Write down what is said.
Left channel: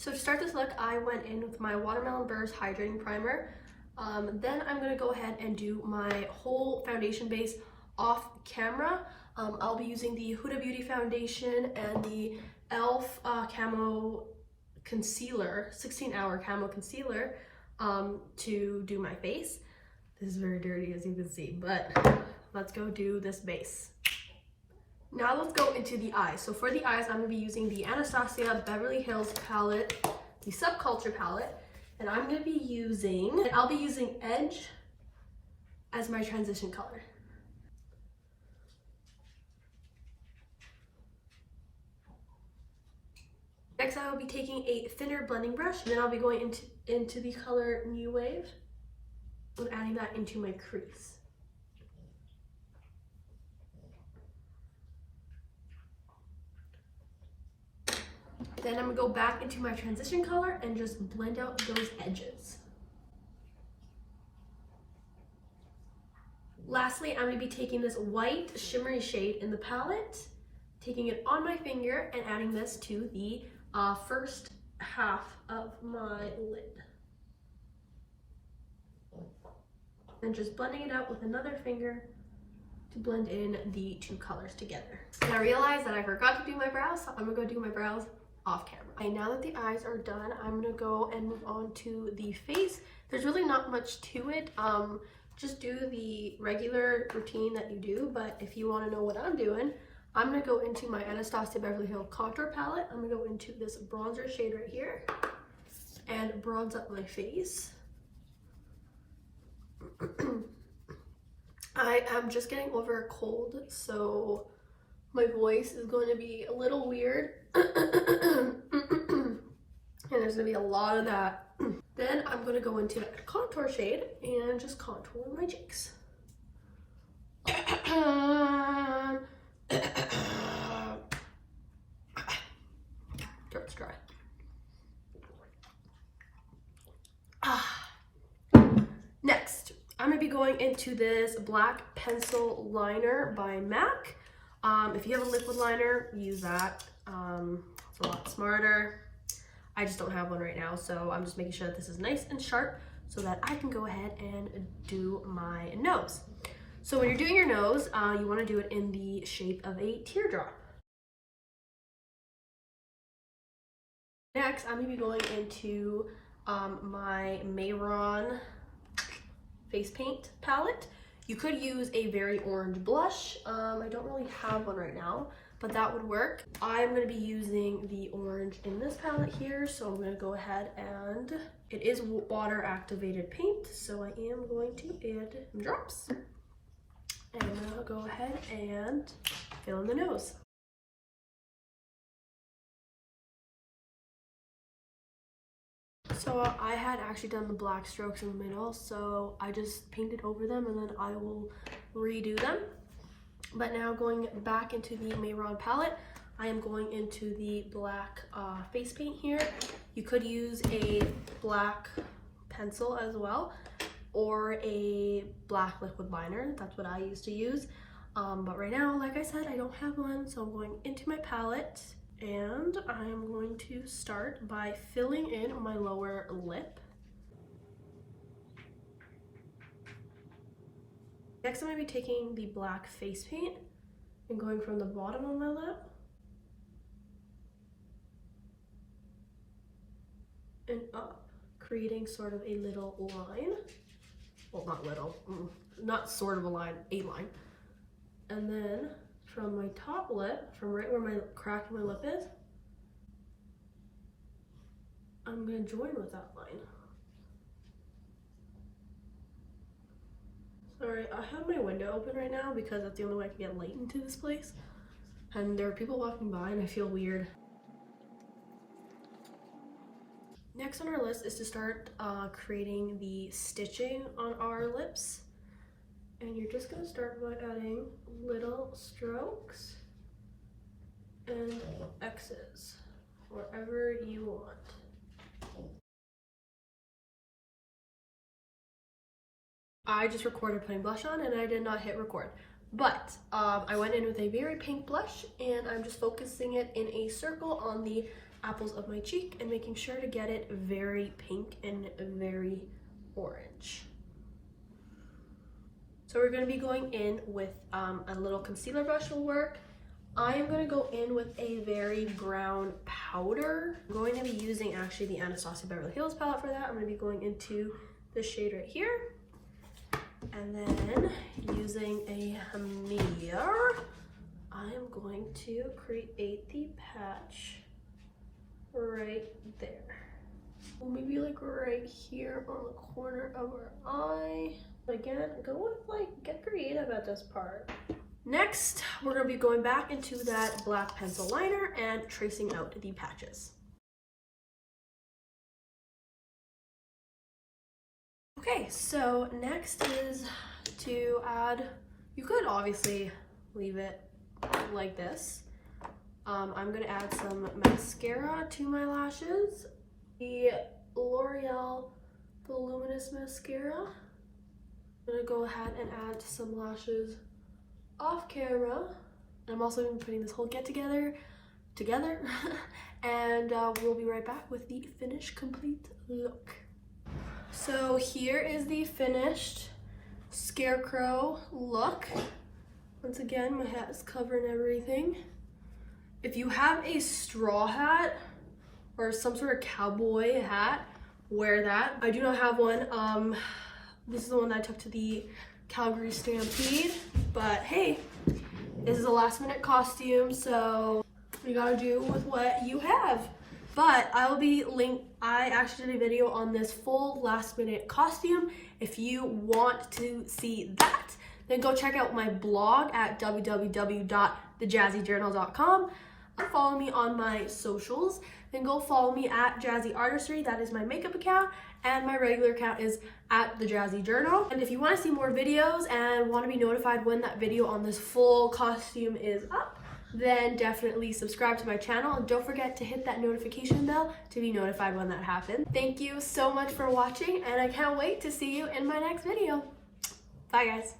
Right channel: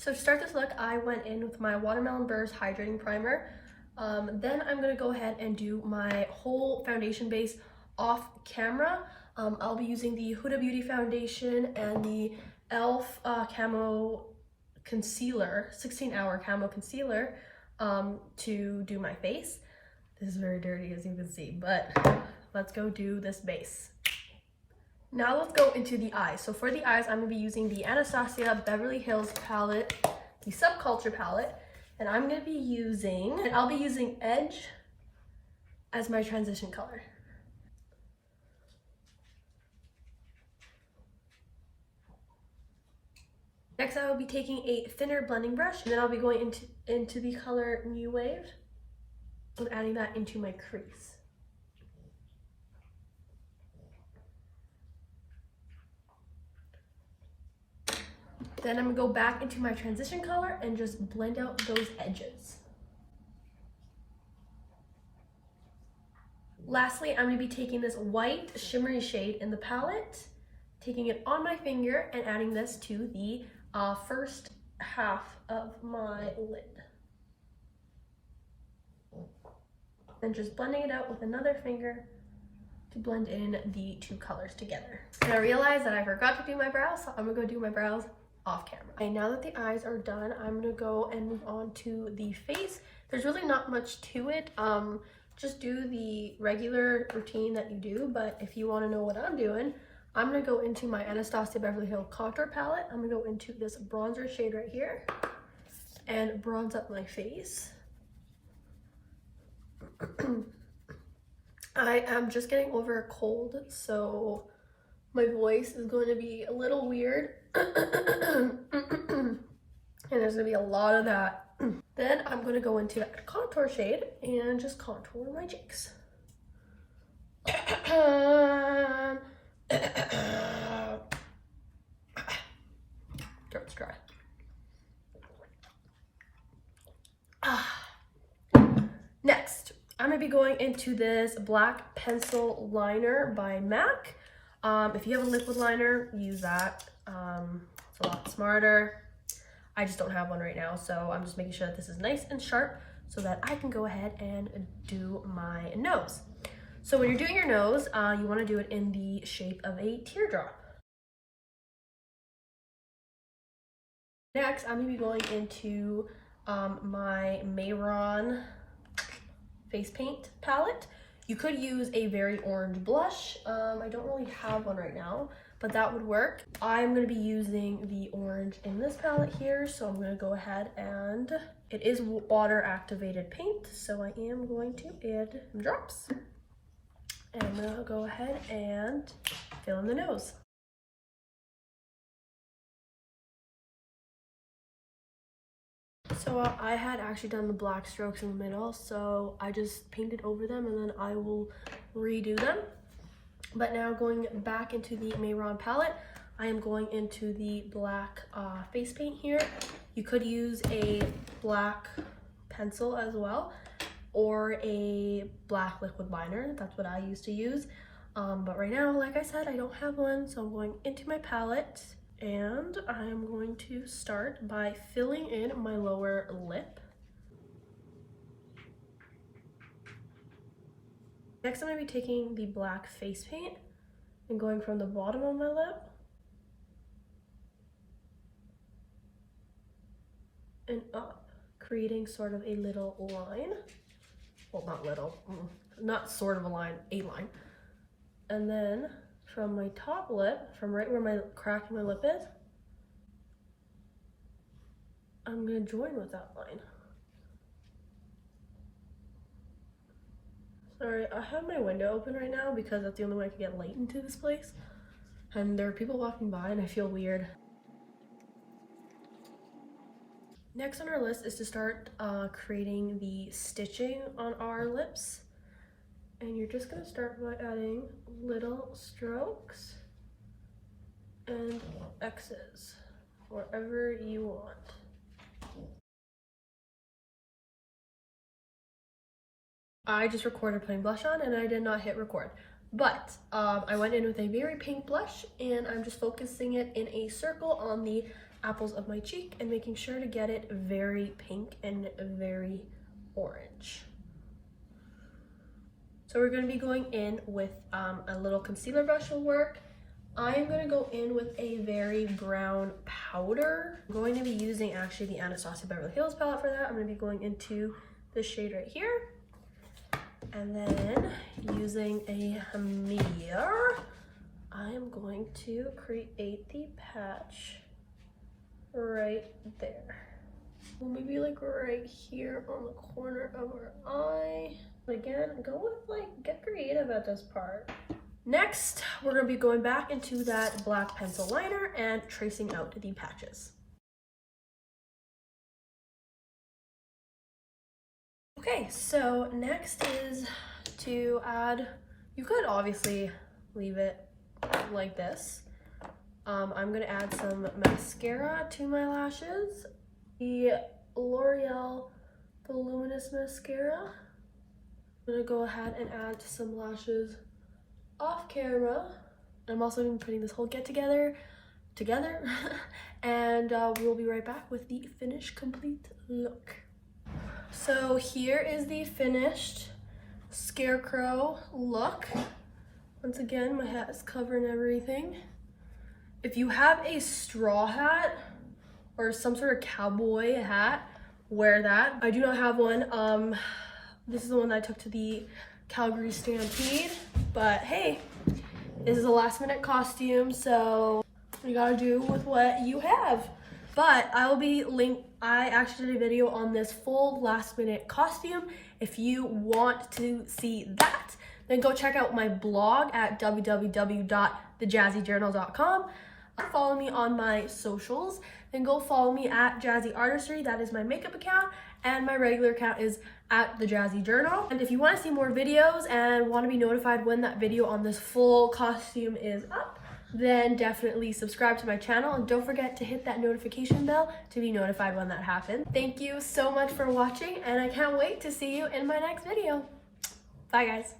So to start this look, I went in with my Watermelon Burst Hydrating Primer. Then I'm going to go ahead and do my whole foundation base off camera. I'll be using the Huda Beauty foundation and the e.l.f. Camo Concealer, 16-hour Camo Concealer, to do my face. This is very dirty, as you can see, but let's go do this base. Now let's go into the eyes. So for the eyes, I'm going to be using the Anastasia Beverley Hills palette, the Subculture palette, and I'll be using Edge as my transition color. Next, I will be taking a thinner blending brush, and then I'll be going into the color New Wave and adding that into my crease. Then I'm gonna go back into my transition color and just blend out those edges. Lastly, I'm gonna be taking this white shimmery shade in the palette, taking it on my finger and adding this to the first half of my lid. And just blending it out with another finger to blend in the two colors together. And I realized that I forgot to do my brows, so I'm gonna go do my brows off camera. And now that the eyes are done, I'm gonna go and move on to the face. There's really not much to it. Just do the regular routine that you do, but if you wanna know what I'm doing, I'm gonna go into my Anastasia Beverly Hills contour palette. I'm gonna go into this bronzer shade right here and bronze up my face. I am just getting over a cold, so my voice is going to be a little weird. And there's gonna be a lot of that. Then I'm gonna go into that contour shade and just contour my cheeks. Throat's dry. Next, I'm gonna be going into this black pencil liner by MAC. If you have a liquid liner, use that. It's a lot smarter. I just don't have one right now, so I'm just making sure that this is nice and sharp so that I can go ahead and do my nose. So when you're doing your nose, you want to do it in the shape of a teardrop. Next, I'm going to be going into my Mehron face paint palette. You could use a very orange blush. I don't really have one right now, but that would work. I'm going to be using the orange in this palette here, so I'm going to go ahead and it is water activated paint, so I am going to add some drops. And I'm going to go ahead and fill in the nose. So I had actually done the black strokes in the middle, so I just painted over them and then I will redo them. But now going back into the Mehron palette, I am going into the black face paint here. You could use a black pencil as well, or a black liquid liner. That's what I used to use. But right now, like I said, I don't have one, so I'm going into my palette. And I am going to start by filling in my lower lip. Next, I'm going to be taking the black face paint and going from the bottom of my lip and up, creating sort of a little line. Well, not little, not sort of a line, a line. And then from my top lip, from right where my crack in my lip is, I'm gonna join with that line. Sorry, I have my window open right now because that's the only way I can get light into this place. And there are people walking by and I feel weird. Next on our list is to start creating the stitching on our lips. And you're just gonna start by adding little strokes and X's wherever you want. I just recorded putting blush on and I did not hit record. But I went in with a very pink blush and I'm just focusing it in a circle on the apples of my cheek and making sure to get it very pink and very orange. So we're going to be going in with a little concealer brush will work. I am going to go in with a very brown powder. I'm going to be using actually the Anastasia Beverley Hills palette for that. I'm going to be going into the shade right here. And then using a mirror, I am going to create the patch right there. Maybe like right here on the corner of our eye. Again, go with like, get creative at this part. Next, we're going to be going back into that black pencil liner and tracing out the patches. Okay, so next is to add, you could obviously leave it like this. I'm going to add some mascara to my lashes. The L'Oreal Voluminous Mascara. I'm going to go ahead and add some lashes off camera. I'm also going to be putting this whole get together and we'll be right back with the finished complete look. So here is the finished Scarecrow look. Once again, my hat is covering everything. If you have a straw hat or some sort of cowboy hat, wear that. I do not have one. This is the one that I took to the Calgary Stampede, but hey, this is a last minute costume, so you gotta do with what you have. But I actually did a video on this full last minute costume. If you want to see that, then go check out my blog at www.thejazzyjournal.com. Follow me on my socials, then go follow me at Jazzy Artistry. That is my makeup account, and my regular account is at the Jazzy Journal. And if you want to see more videos and want to be notified when that video on this full costume is up, then definitely subscribe to my channel and don't forget to hit that notification bell to be notified when that happens. Thank you so much for watching, and I can't wait to see you in my next video. Bye guys.